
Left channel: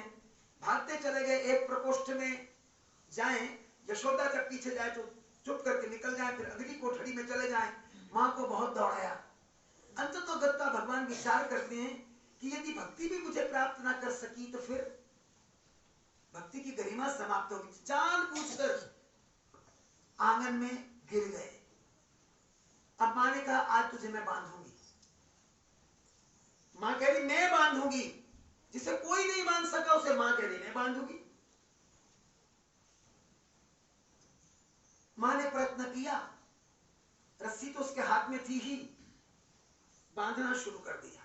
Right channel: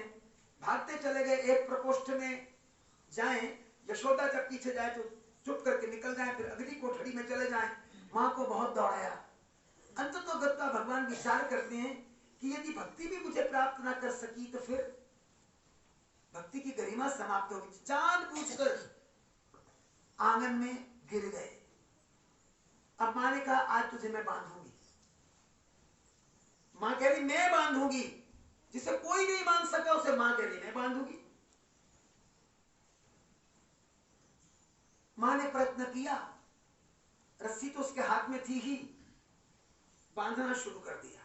भागते चले गए। एक प्रकोष्ठ में जाएं, यशोदा जब पीछे जाए तो चुप करके निकल जाए, फिर अगली कोठरी में चले जाएं। मां को बहुत दौड़ाया। अंततः गत्ता भगवान विचार करते हैं कि यदि भक्ति भी मुझे प्राप्त ना कर सकी तो फिर भक्ति की गरिमा समाप्त होगी। जान पूछकर आंगन में गिर गए। अब मां ने कहा, आज तुझे मैं बांधूंगी। मां कह रही मैं बांधूंगी, जिसे कोई नहीं बांध सका उसे मां कह रही मैं बांधूंगी। मां ने प्रयत्न किया, रस्सी तो उसके हाथ में थी ही, बांधना शुरू कर दिया,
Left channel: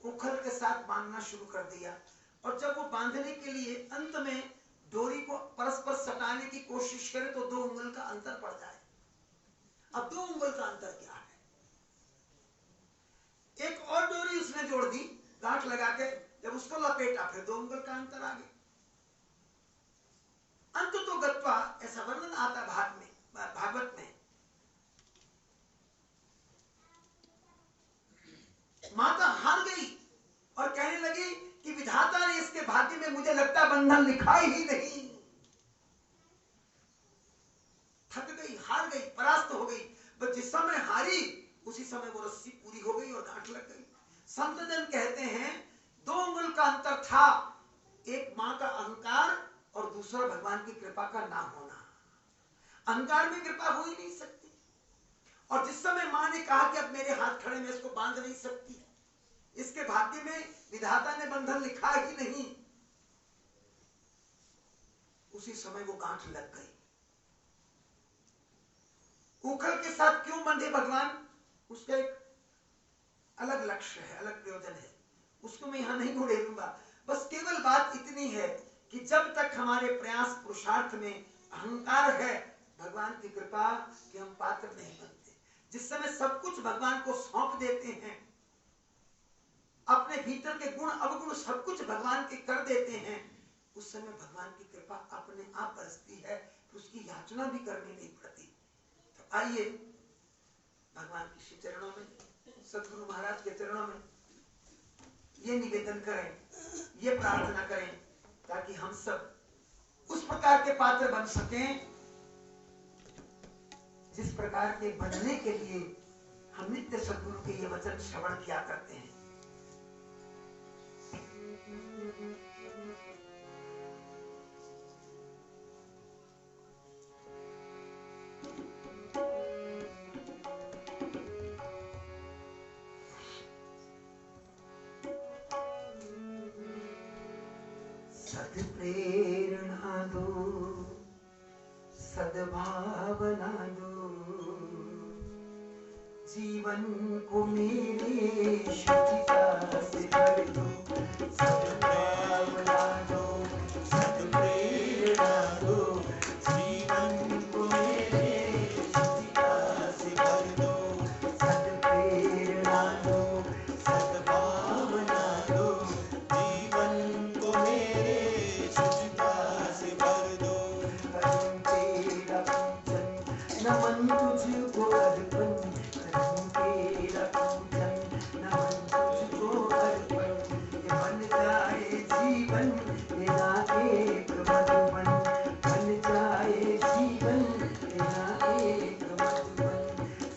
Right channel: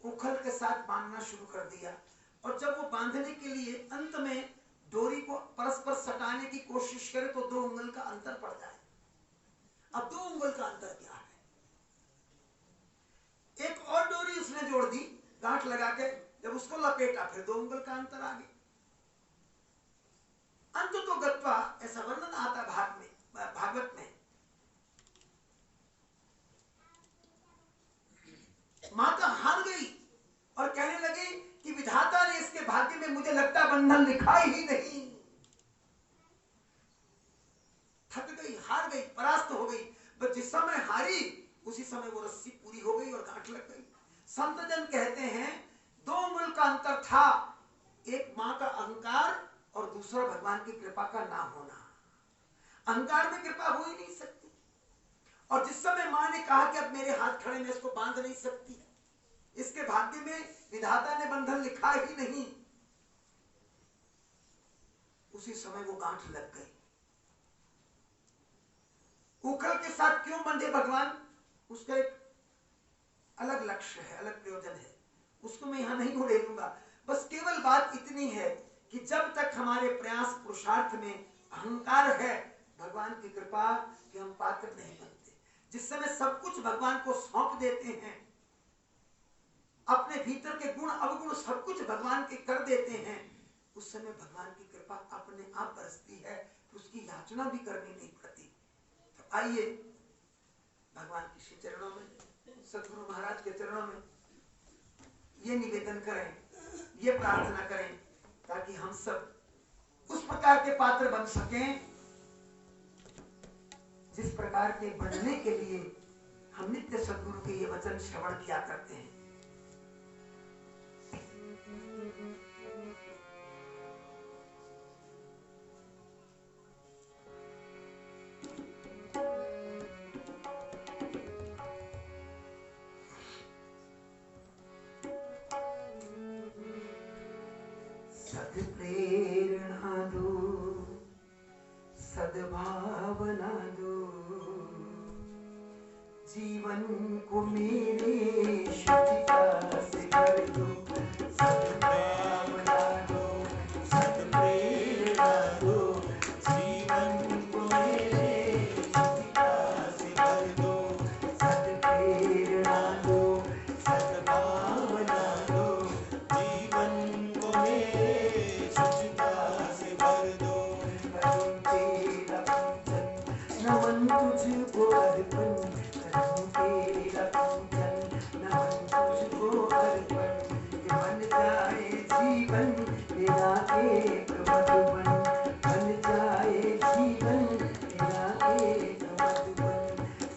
उखल के साथ बांधना शुरू कर दिया। और जब वो बांधने के लिए अंत में डोरी को परस्पर सटाने की कोशिश करे तो 2 उंगल का अंतर पड़ जाए। अब 2 उंगल का अंतर क्या है? एक और डोरी उसने जोड़ दी गांठ लगा के, जब उसको लपेटा फिर 2 उंगल का अंतर आ गया। अंत तो गत्वा, ऐसा वर्णन आता भागवत में, माता हार गई और कहने लगी कि विधाता ने इसके भाग्य में मुझे लगता बंधन लिखा ही नहीं। थक गई, हार गई, परास्त हो गई। बस जिस समय हारी उसी समय वो रस्सी पूरी हो गई और गांठ लग गई। संत जन कहते हैं 2 उंगल का अंतर था, एक मां का अहंकार और दूसरा भगवान की कृपा का ना होना। अहंकार में कृपा हो ही नहीं सकती। और जिस समय मां ने कहा कि अब मेरे हाथ खड़े, मैं इसको बांध नहीं सकती, इसके भाग्य में विधाता ने बंधन लिखा ही नहीं, उसी समय वो गांठ लग गई। उखल के साथ क्यों बंधे भगवान, उसका एक अलग लक्ष्य है, अलग प्रयोजन है, उसको मैं यहां नहीं उड़ेलूंगा। बस केवल बात इतनी है कि जब तक हमारे प्रयास पुरुषार्थ में अहंकार है, भगवान की कृपा के हम पात्र नहीं बनते। जिस समय सब कुछ भगवान को सौंप देते हैं, अपने भीतर के गुण अवगुण सब कुछ भगवान के कर देते हैं, उस समय भगवान की कृपा अपने आप बरसती है, उसकी याचना भी करनी नहीं पड़ती। तो आइए भगवान के श्री चरणों में, सदगुरु महाराज के चरणों में ये निवेदन करें, ये प्रार्थना करें, ताकि हम सब उस प्रकार के पात्र बन सकें जिस प्रकार के बनने के लिए हम नित्य सदगुरु के ये वचन श्रवण किया करते हैं। सद्प्रेरणा दो, सद्भावना दो, जीवन को मेरे शुचिता से भर दो। सद्भावना दो, सद्प्रेरणा दो, जीवन को मेरे शुचिता से भर दो। सद्प्रेरणा दो, सद्भावना दो, जीवन को मेरे शुचिता से भर दो। करूं तेरा पूजन, नमन तुझको अर्पण, करूं तेरा पूजन, नमन तुझको अर्पण। बन जाए जीवन तेरा एक मधुबन, बन जाए जीवन तेरा एक मधुबन।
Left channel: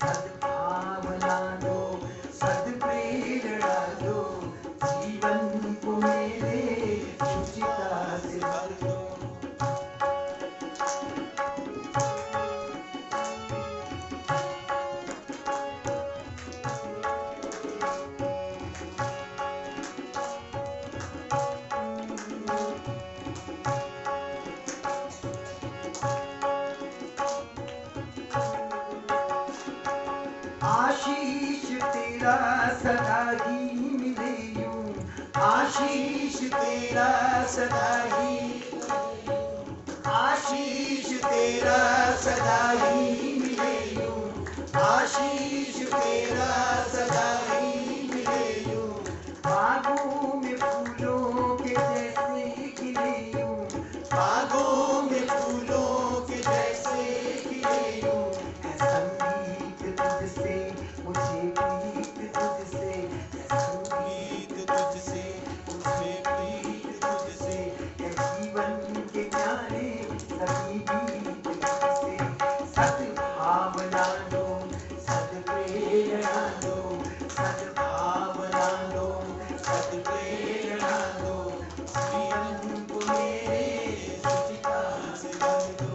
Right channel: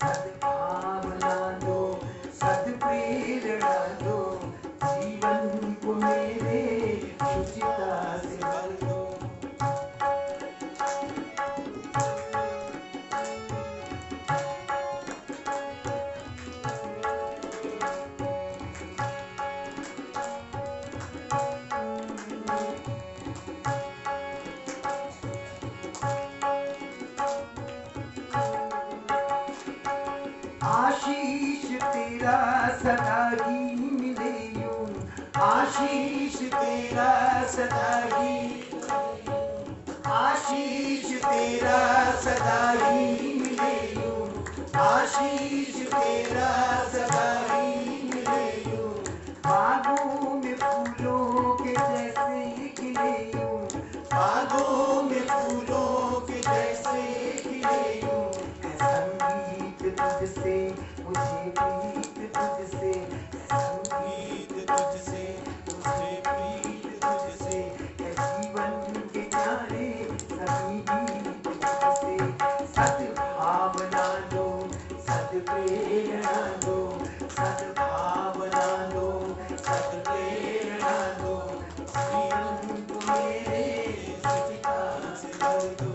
सद्भावना दो, सद्प्रेरणा दो, जीवन को मेरे शुचिता से भर दो। आशीष तेरा सदा ही मिले यूं, आशीष तेरा सदा ही, आशीष तेरा सदा ही मिले यूं, आशीष तेरा सदा ही मिले यूं। बागों में फूलों के जैसे खिले यूं, बागों में फूलों के जैसे खिले यूं। संगीत तुझसे मुझे प्रीत तुझसे, संगीत तुझसे मुझे प्रीत तुझसे। जीवन के प्यारे सभी गीत तुझसे। सद्भावना दो, सद्प्रेरणा दो, सद्भावना दो, सद्प्रेरणा दो, जीवन को मेरे शुचिता से भर दो।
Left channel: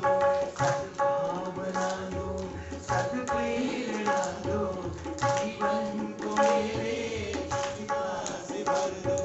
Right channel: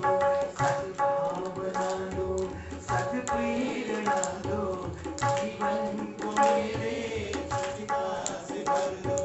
सद्भावना दो, सद्प्रेरणा दो, जीवन को मेरे शुचिता से भर दो।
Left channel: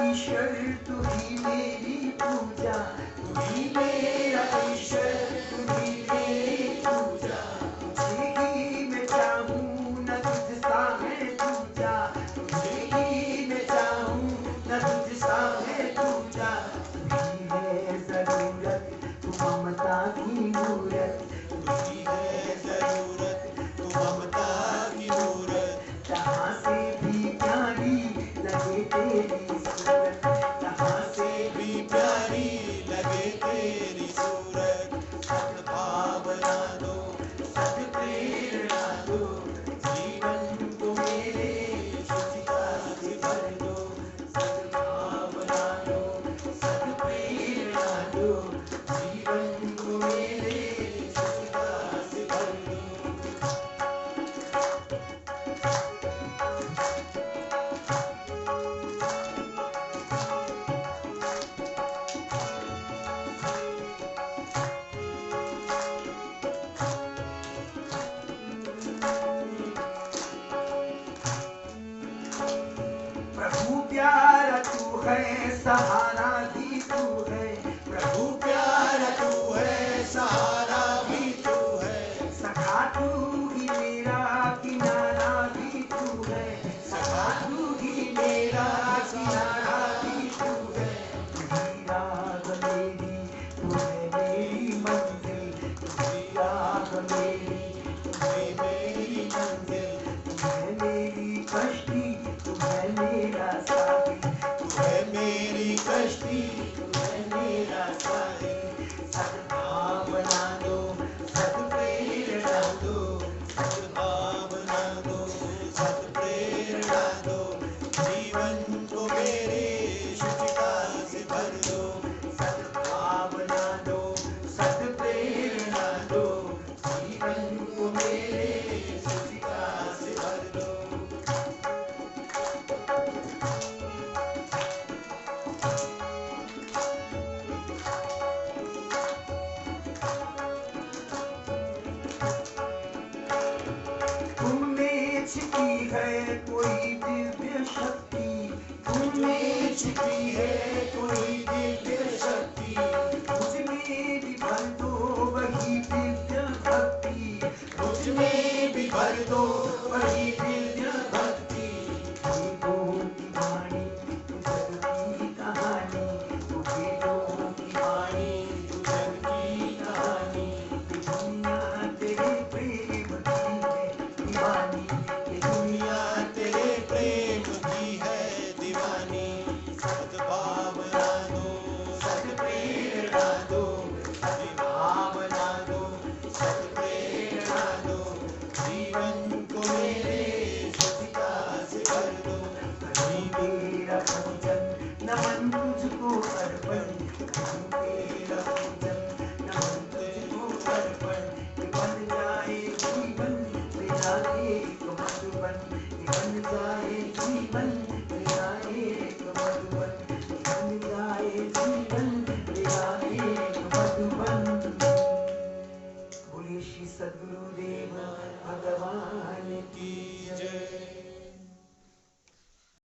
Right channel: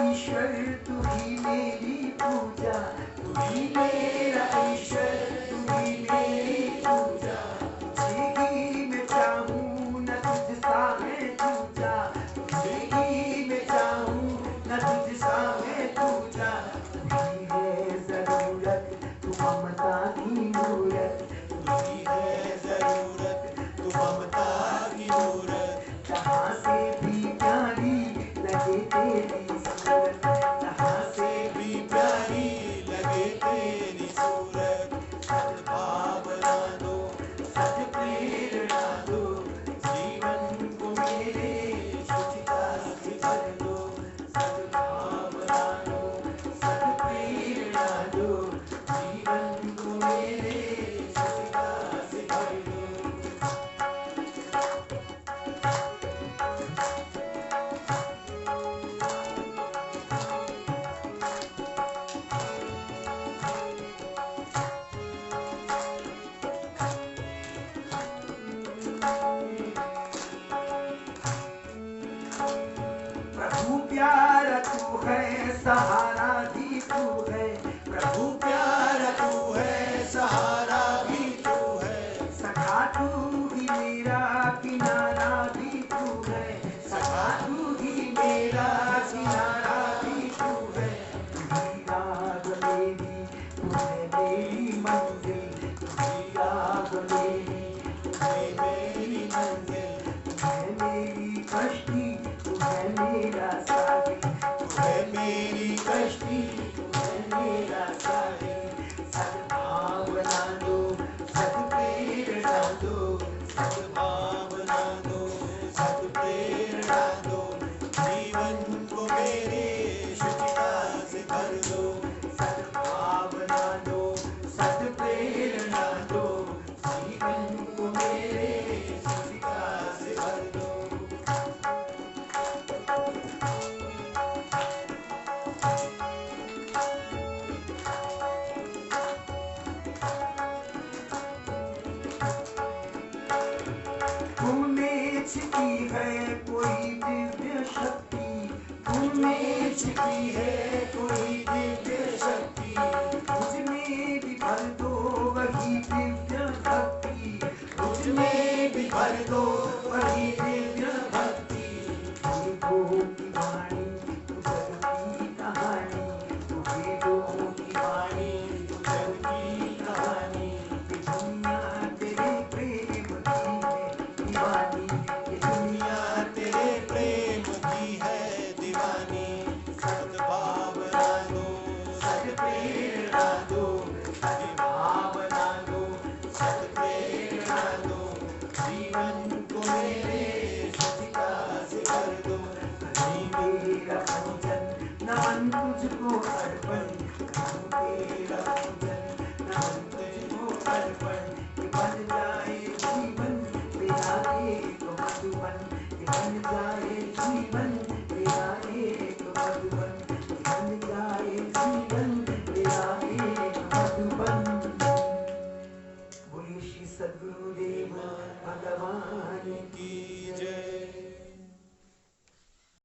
ईश्वर तू ही मेरी पूजा, तू ही मेरा ईश्वर तू ही मेरी पूजा। तुझे ही मैं चाहूँ न तुझसा मैं दूजा, तुझे ही मैं चाहूँ न तुझसा मैं दूजा। तू ही है जरूरत तू ममता की मूरत, तू ही है जरूरत तू ममता की मूरत। जहाँ से भी प्यारी लगे तेरी सूरत, जहाँ से भी प्यारी लगे तेरी सूरत। सद्भावना दो सद्प्रेरणा दो, जीवन को मेरे शुचिता से भर दो। सद्भावना दो सद्प्रेरणा दो, जीवन को मेरे शुचिता से भर दो। प्रभु प्यारा तू है सहारा भी तू है, प्रभु प्यारा तू है सहारा भी तू है। सखा तू ही मेरा किनारा भी तू है, सखा तू ही मेरा किनारा भी तू है। तू ही राह मेरी तू है मेरी मंजिल, तू ही राह मेरी तू ही मेरी मंजिल। तू है मेरी कश्ती तू है मेरा साथी, तू है मेरी कश्ती तू है मेरा साथी। सद्भावना दो सद्प्रेरणा दो, सद्भावना दो सद्प्रेरणा दो। जीवन को मेरे शुचिता से भर दो। सद्भावना दो सद्प्रेरणा दो, जीवन को मेरे शुचिता से भर दो। तुमने छिपी है कोई दिव्य शक्ति, तुमने छुपी है कोई दिव्य शक्ति। मुझ में भी भर दो वही दिव्य भक्ति, मुझ में भी भर दो वही दिव्य भक्ति। वेदों की वाणी तू जग की कहानी, तू वेदों की वाणी तू जग की कहानी। ये दुनिया तेरे प्रेम की है दीवानी, ये दुनिया दुनिया तेरे प्रेम की है दीवानी। सद्भावना दो सद्प्रेरणा दो। भावना दो सद्प्रेरणा दो। जीवन को मेरे शुचिता से भर दो। जीवन मेरा